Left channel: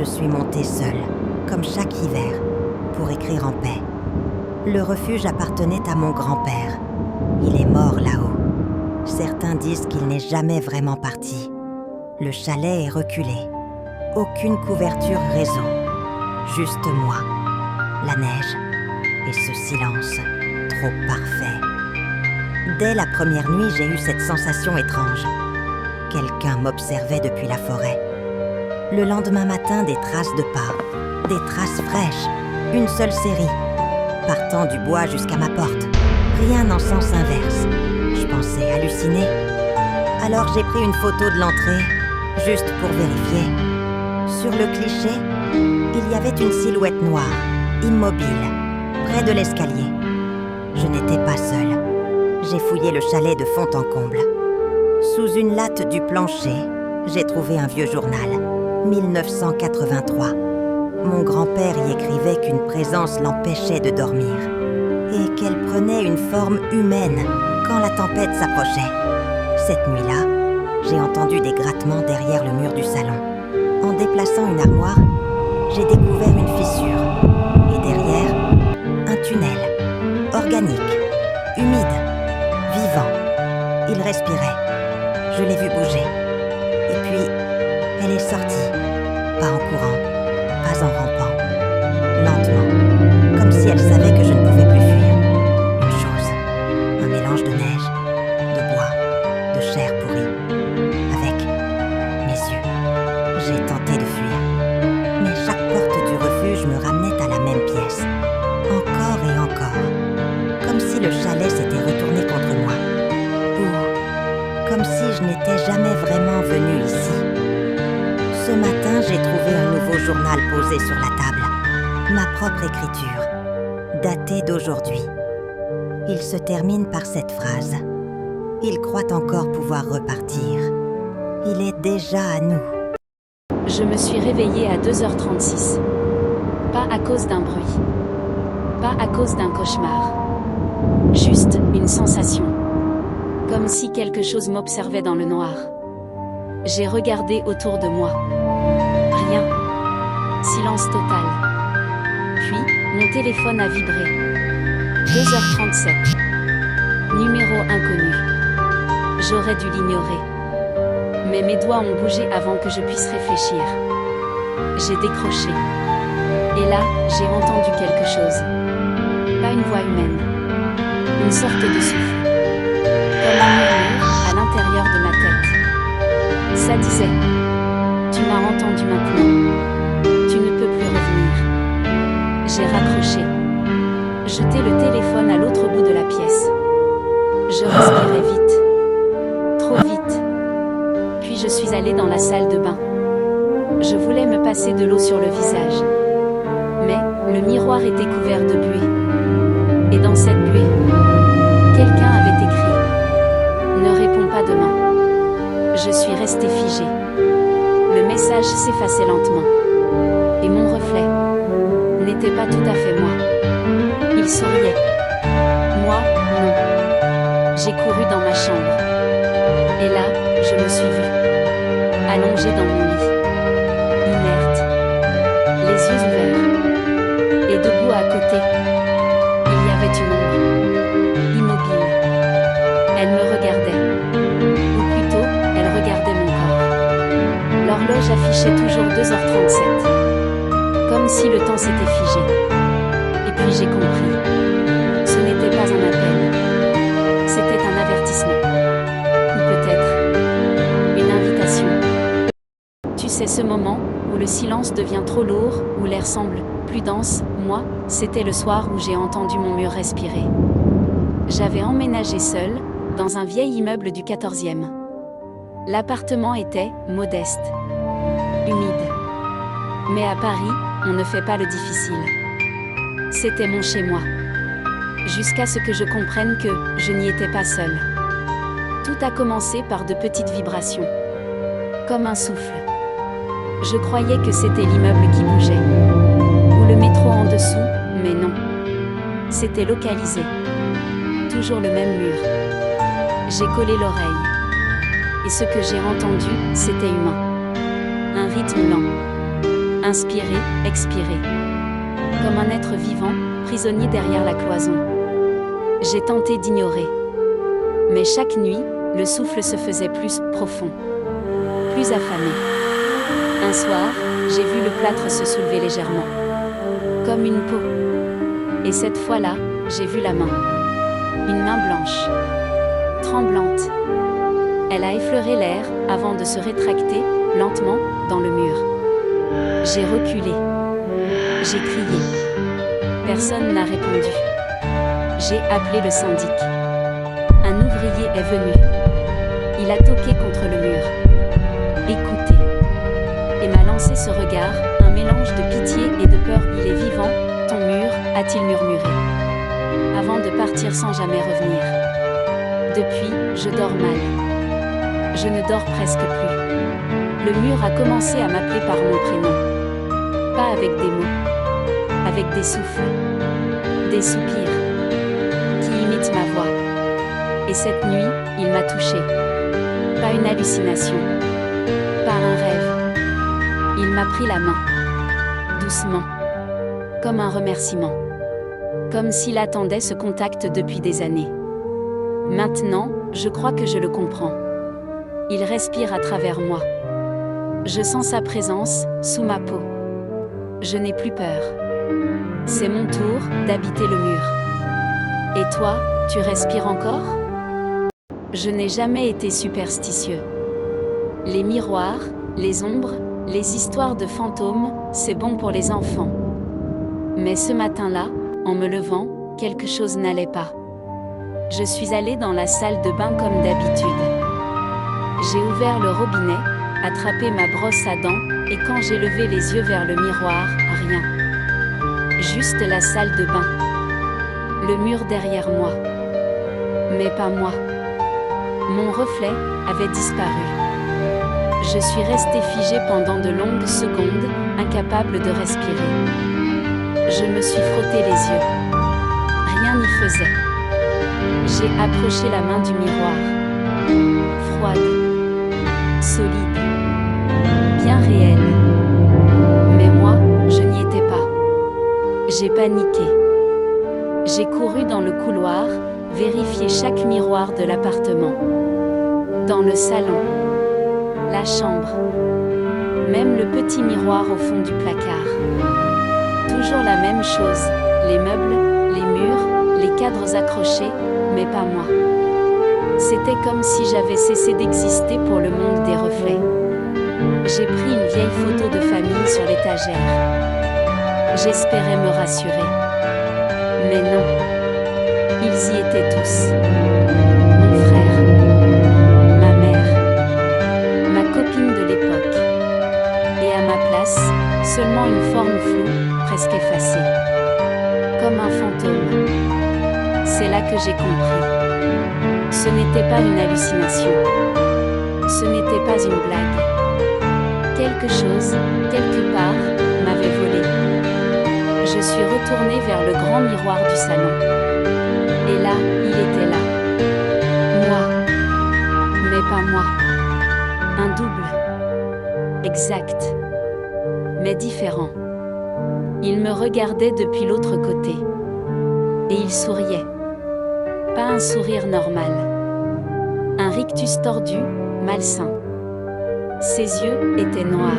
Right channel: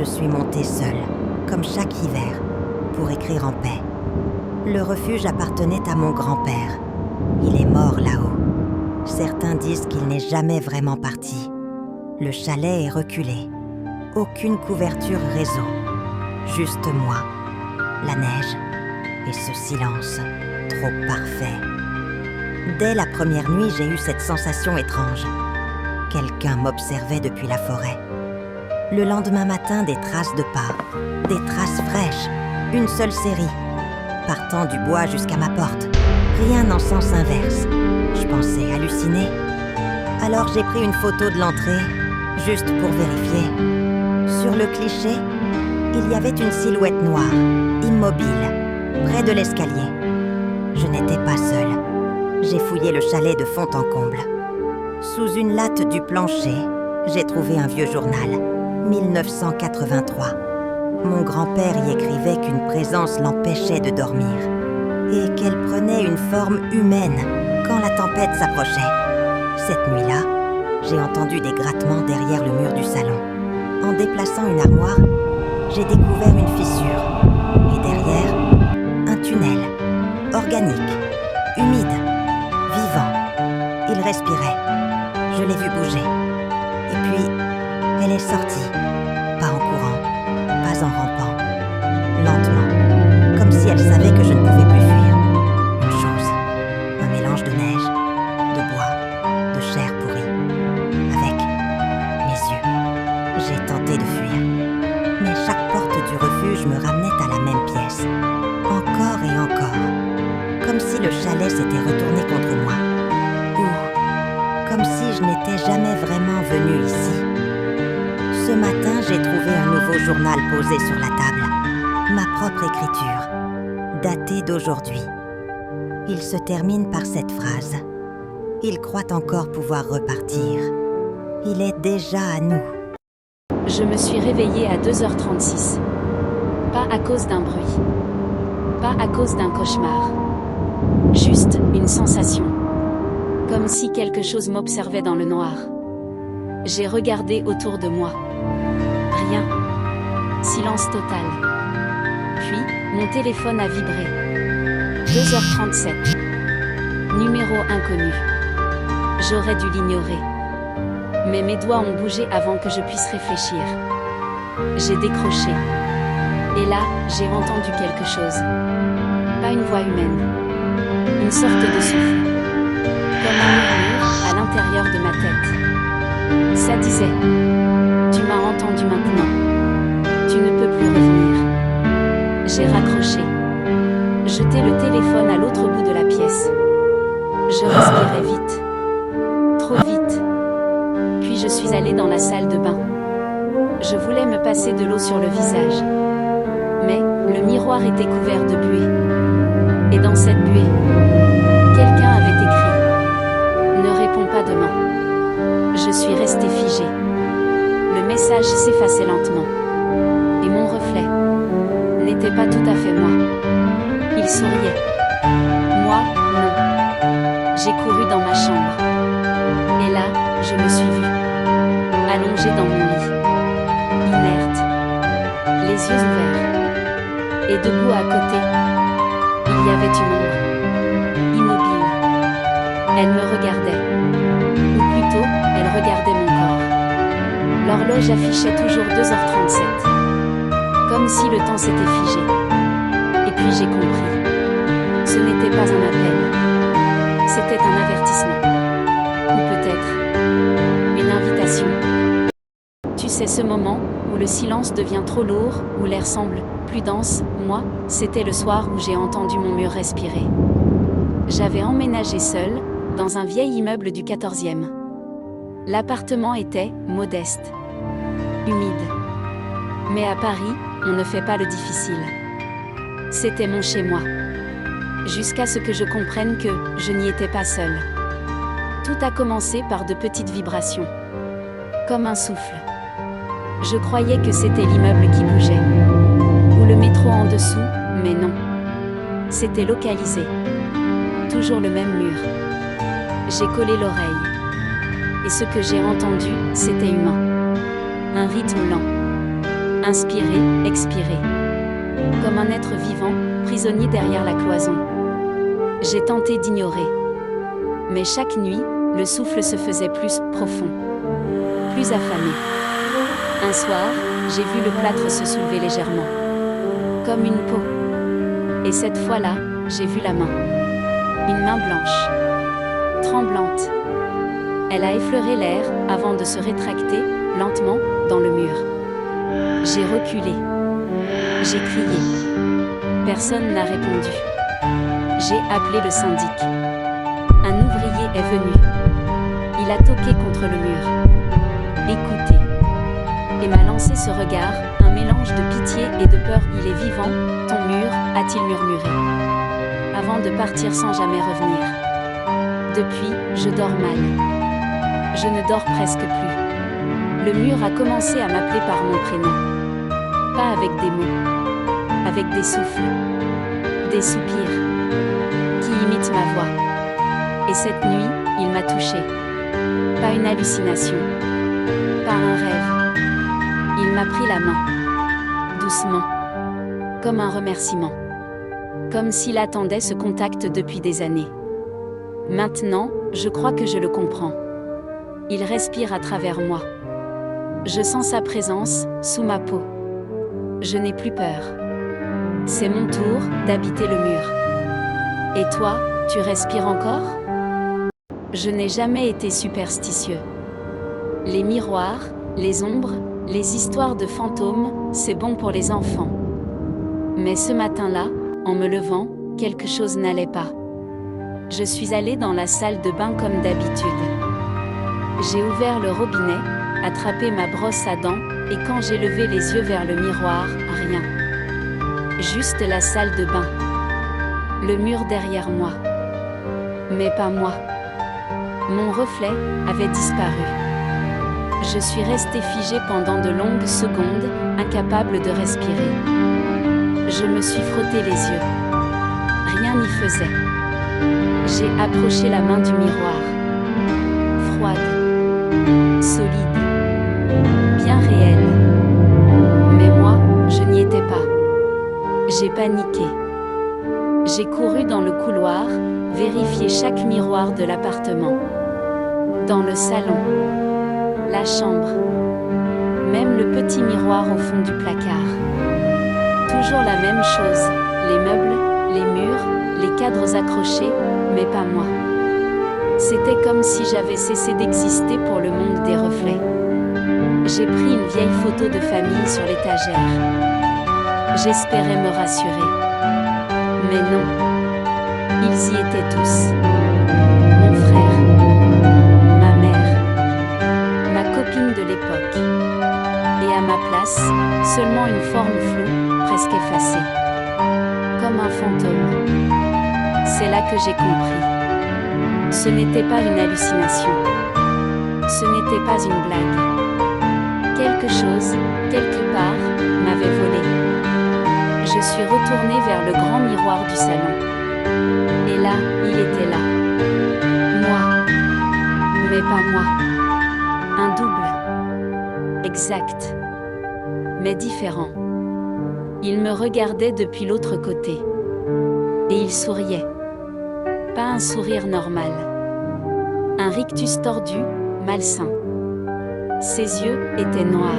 je suis montée seule, comme chaque hiver, pour écrire en paix. Le refuge appartenait à mon grand-père. Il est mort là-haut. Certains disent qu'il n'est jamais vraiment parti. Le chalet est reculé. Aucune couverture réseau. Juste moi, la neige et ce silence trop parfait. Dès la première nuit, j'ai eu cette sensation étrange. Quelqu'un m'observait depuis la forêt. Le lendemain matin, des traces de pas, des traces fraîches, une seule série, partant du bois jusqu'à ma porte. Rien en sens inverse. Je pensais halluciner. Alors j'ai pris une photo de l'entrée, juste pour vérifier. Sur le cliché, il y avait une silhouette noire, immobile, près de l'escalier. Je n'étais pas seule. J'ai fouillé le chalet de fond en comble. Sous une latte du plancher, j'ai trouvé un vieux journal, 1983. Mon grand-père y écrivait qu'une présence l'empêchait de dormir et qu'elle prenait une forme humaine quand la tempête s'approchait. Cette nuit-là, j'ai entendu des grattements derrière le mur du salon. En déplaçant une armoire, j'ai découvert une fissure et derrière, un tunnel, organique, humide, vivant. Il respirait. Je l'ai vu bouger. Et puis, elle est sortie. Pas en courant, pas en rampant. Lentement, comme si elle savait que je ne pouvais plus fuir. Une chose, un mélange de neige, de bois, de chair pourrie. Avec mes yeux, j'ai tenté de fuir. Mais chaque porte du refuge me ramenait à la même pièce. Encore et encore. Comme si le chalet s'était retourné contre moi. Ou comme si je n'étais jamais vraiment venue ici. Ce matin, j'ai trouvé un nouveau journal posé sur la table. Ma propre écriture, datée d'aujourd'hui. Il se termine par cette phrase. Il croit encore pouvoir repartir. Il est déjà à nous. Je me suis réveillée à 2h36. Pas à cause d'un bruit. Pas à cause d'un cauchemar. Juste une sensation. Comme si quelque chose m'observait dans le noir. J'ai regardé autour de moi. Rien. Silence total. Puis, mon téléphone a vibré. 2h37. Numéro inconnu. J'aurais dû l'ignorer. Mais mes doigts ont bougé avant que je puisse réfléchir. J'ai décroché. Et là, j'ai entendu quelque chose. Pas une voix humaine. Une sorte de souffle. Comme un murmure à l'intérieur de ma tête. Ça disait « Tu m'as entendu maintenant. Tu ne peux plus revenir. » J'ai raccroché. Jeté le téléphone à l'autre bout de la pièce. Je respirais vite. Trop vite. Puis je suis allée dans la salle de bain. Je voulais me passer de l'eau sur le visage. Mais le miroir était couvert de buée. Et dans cette buée, quelqu'un avait écrit « Ne réponds pas demain ». Je suis restée figée. Le message s'effaçait lentement. Et mon reflet n'était pas tout à fait moi. Il souriait. Moi, non. J'ai couru dans ma chambre. Et là, je me suis vue. Allongée dans mon lit. Inerte. Les yeux ouverts. Et debout à côté, il y avait une ombre. Immobile. Elle me regardait. Ou plutôt, elle regardait mon corps. L'horloge affichait toujours 2h37. Comme si le temps s'était figé. Et puis j'ai compris. Ce n'était pas un appel. C'était un avertissement. Ou peut-être une invitation. Tu sais ce moment où le silence devient trop lourd, où l'air semble plus dense. Moi, c'était le soir où j'ai entendu mon mur respirer. J'avais emménagé seule, dans un vieil immeuble du 14e. L'appartement était modeste, humide. Mais à Paris, on ne fait pas le difficile. C'était mon chez-moi. Jusqu'à ce que je comprenne que je n'y étais pas seule. Tout a commencé par de petites vibrations. Comme un souffle. Je croyais que c'était l'immeuble qui bougeait. Ou le métro en dessous, mais non. C'était localisé. Toujours le même mur. J'ai collé l'oreille. Et ce que j'ai entendu, c'était humain. Un rythme lent. Inspirer, expirer. Comme un être vivant, prisonnier derrière la cloison. J'ai tenté d'ignorer. Mais chaque nuit, le souffle se faisait plus profond. Plus affamé. Un soir, j'ai vu le plâtre se soulever légèrement. Comme une peau. Et cette fois-là, j'ai vu la main. Une main blanche. Tremblante. Elle a effleuré l'air, avant de se rétracter, lentement, dans le mur. J'ai reculé. J'ai crié. Personne n'a répondu. J'ai appelé le syndic. Un ouvrier est venu. Il a toqué contre le mur. Écoutez. Et m'a lancé ce regard, un mélange de pitié et de peur. Il est vivant, ton mur, a-t-il murmuré. Avant de partir sans jamais revenir. Depuis, je dors mal. Je ne dors presque plus. Le mur a commencé à m'appeler par mon prénom. Pas avec des mots. Avec des souffles. Des soupirs. Qui imitent ma voix. Et cette nuit, il m'a touchée. Pas une hallucination. Pas un rêve. Il m'a pris la main. Doucement. Comme un remerciement. Comme s'il attendait ce contact depuis des années. Maintenant, je crois que je le comprends. Il respire à travers moi. Je sens sa présence, sous ma peau. Je n'ai plus peur. C'est mon tour d'habiter le mur. Et toi, tu respires encore ? Je n'ai jamais été superstitieux. Les miroirs, les ombres, les histoires de fantômes, c'est bon pour les enfants. Mais ce matin-là, en me levant, quelque chose n'allait pas. Je suis allée dans la salle de bain comme d'habitude. J'ai ouvert le robinet, attrapé ma brosse à dents, et quand j'ai levé les yeux vers le miroir, rien. Juste la salle de bain. Le mur derrière moi. Mais pas moi. Mon reflet avait disparu. Je suis restée figée pendant de longues secondes, incapable de respirer. Je me suis frotté les yeux. Rien n'y faisait. J'ai approché la main du miroir. Froide. Solide. Bien réelle. Mais moi, je n'y étais pas. J'ai paniqué. J'ai couru dans le couloir, vérifier chaque miroir de l'appartement. Dans le salon. La chambre. Même le petit miroir au fond du placard. Toujours la même chose, les meubles, les murs, les cadres accrochés, mais pas moi. C'était comme si j'avais cessé d'exister pour le monde des reflets. J'ai pris une vieille photo de famille sur l'étagère. J'espérais me rassurer. Mais non. Ils y étaient tous. Mon frère. Ma mère. Ma copine de l'époque. Et à ma place, seulement une forme floue, presque effacée. Comme un fantôme. C'est là que j'ai compris. Ce n'était pas une hallucination. Ce n'était pas une blague. Quelque chose, quelque part, m'avait volé. Je suis retournée vers le grand miroir du salon. Et là, il était là. Moi. Mais pas moi. Un double. Exact. Mais différent. Il me regardait depuis l'autre côté. Et il souriait. Pas un sourire normal. Un rictus tordu, malsain. Ses yeux étaient noirs.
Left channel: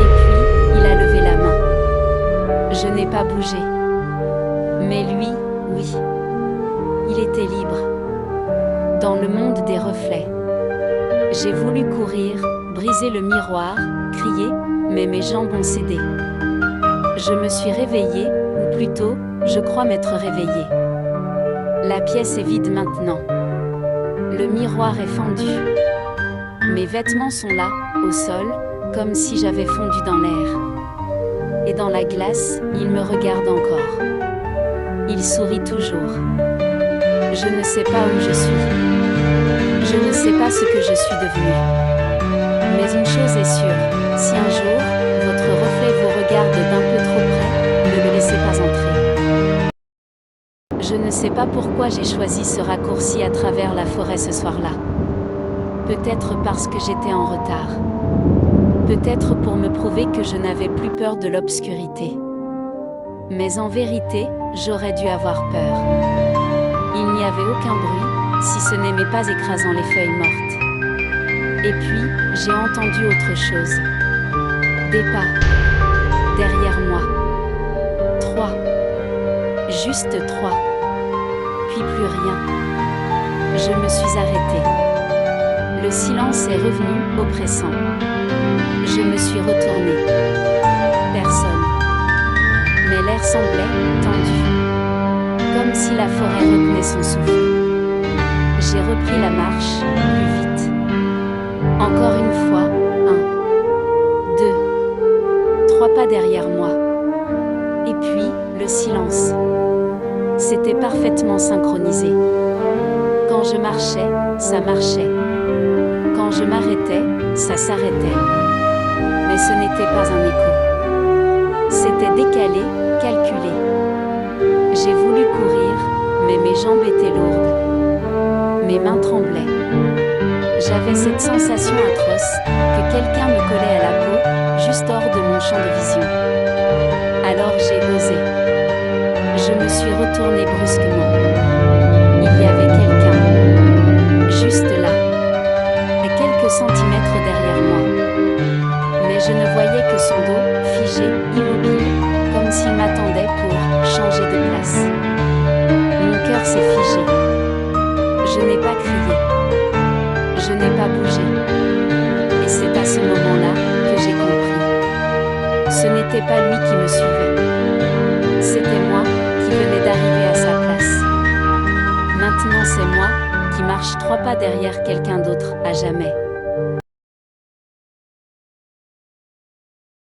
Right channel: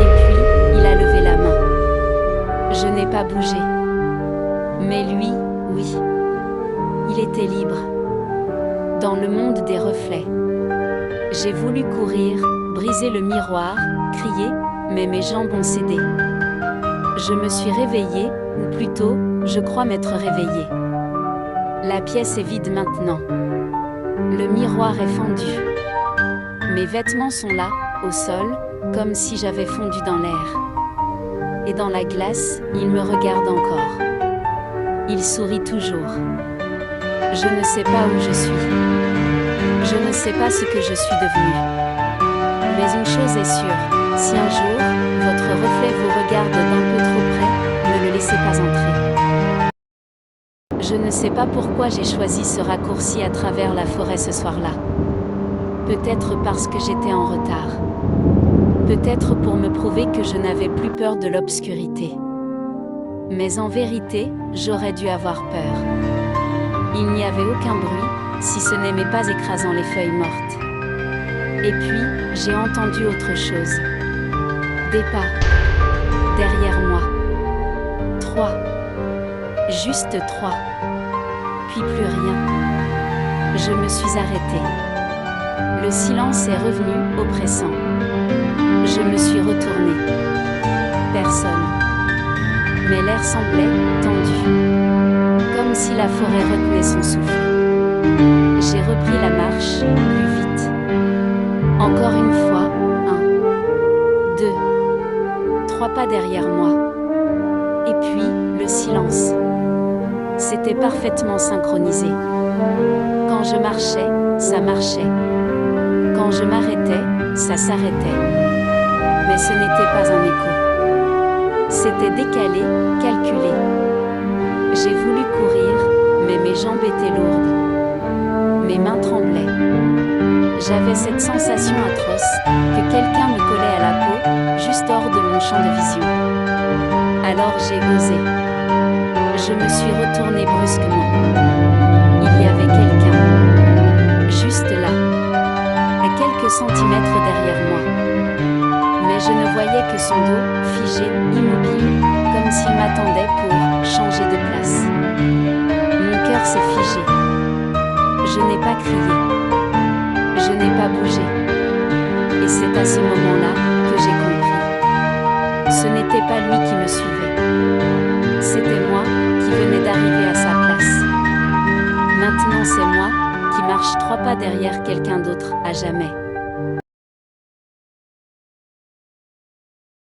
Et puis, il a levé la main. Je n'ai pas bougé. Mais lui, oui. Il était libre. Dans le monde des reflets. J'ai voulu courir, briser le miroir, crier, mais mes jambes ont cédé. Je me suis réveillée, ou plutôt, je crois m'être réveillée. La pièce est vide maintenant. Le miroir est fendu. Mes vêtements sont là, au sol, comme si j'avais fondu dans l'air. Et dans la glace, il me regarde encore. Il sourit toujours. Je ne sais pas où je suis. Je ne sais pas ce que je suis devenue. Mais une chose est sûre, si un jour, votre reflet vous regarde d'un peu trop près, ne le laissez pas entrer. Je ne sais pas pourquoi j'ai choisi ce raccourci à travers la forêt ce soir-là. Peut-être parce que j'étais en retard. Peut-être pour me prouver que je n'avais plus peur de l'obscurité. Mais en vérité, j'aurais dû avoir peur. Il n'y avait aucun bruit, si ce n'est mes pas écrasant les feuilles mortes. Et puis, j'ai entendu autre chose. Des pas. Derrière moi. 3. Juste 3. Puis plus rien. Je me suis arrêtée. Le silence est revenu, oppressant. Je me suis retournée. Personne. Mais l'air semblait tendu. Comme si la forêt retenait son souffle. J'ai repris la marche, plus vite. Encore une fois, 1, 2, 3 pas derrière moi. Et puis, le silence. C'était parfaitement synchronisé. Quand je marchais, ça marchait. Quand je m'arrêtais, ça s'arrêtait. Mais ce n'était pas un écho. C'était décalé, calculé. J'ai voulu courir, mais mes jambes étaient lourdes. Mes mains tremblaient. J'avais cette sensation atroce, que quelqu'un me collait à la peau, juste hors de mon champ de vision. Alors j'ai osé. Je me suis retournée brusquement. Il y avait quelqu'un. Juste là. À quelques centimètres derrière moi. Mais je ne voyais que son dos, figé, immobile, comme s'il m'attendait pour changer de place. Mon cœur s'est figé. Je n'ai pas crié. Je n'ai pas bougé. Et c'est à ce moment-là que j'ai compris. Ce n'était pas lui qui me suivait. C'était moi qui venais d'arriver à sa place. Maintenant c'est moi qui marche 3 pas derrière quelqu'un d'autre à jamais.